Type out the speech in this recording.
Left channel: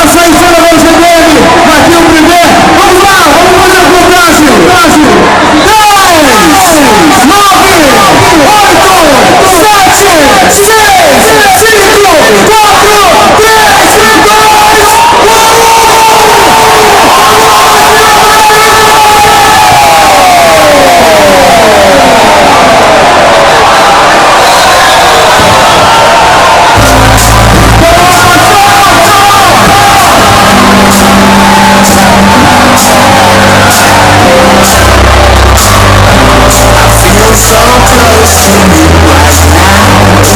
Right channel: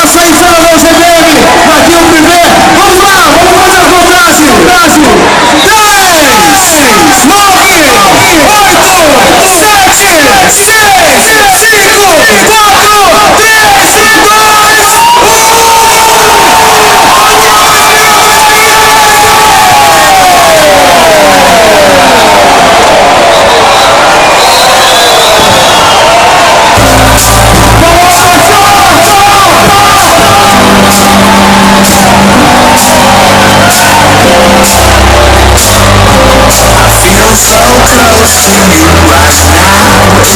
Passa aí, Fernando CBM, aqui o primeiro. Vamos lá, vamos fazer a contagem. 10, 9, 8, 7, 6, 5, 4, 3, 2, 1.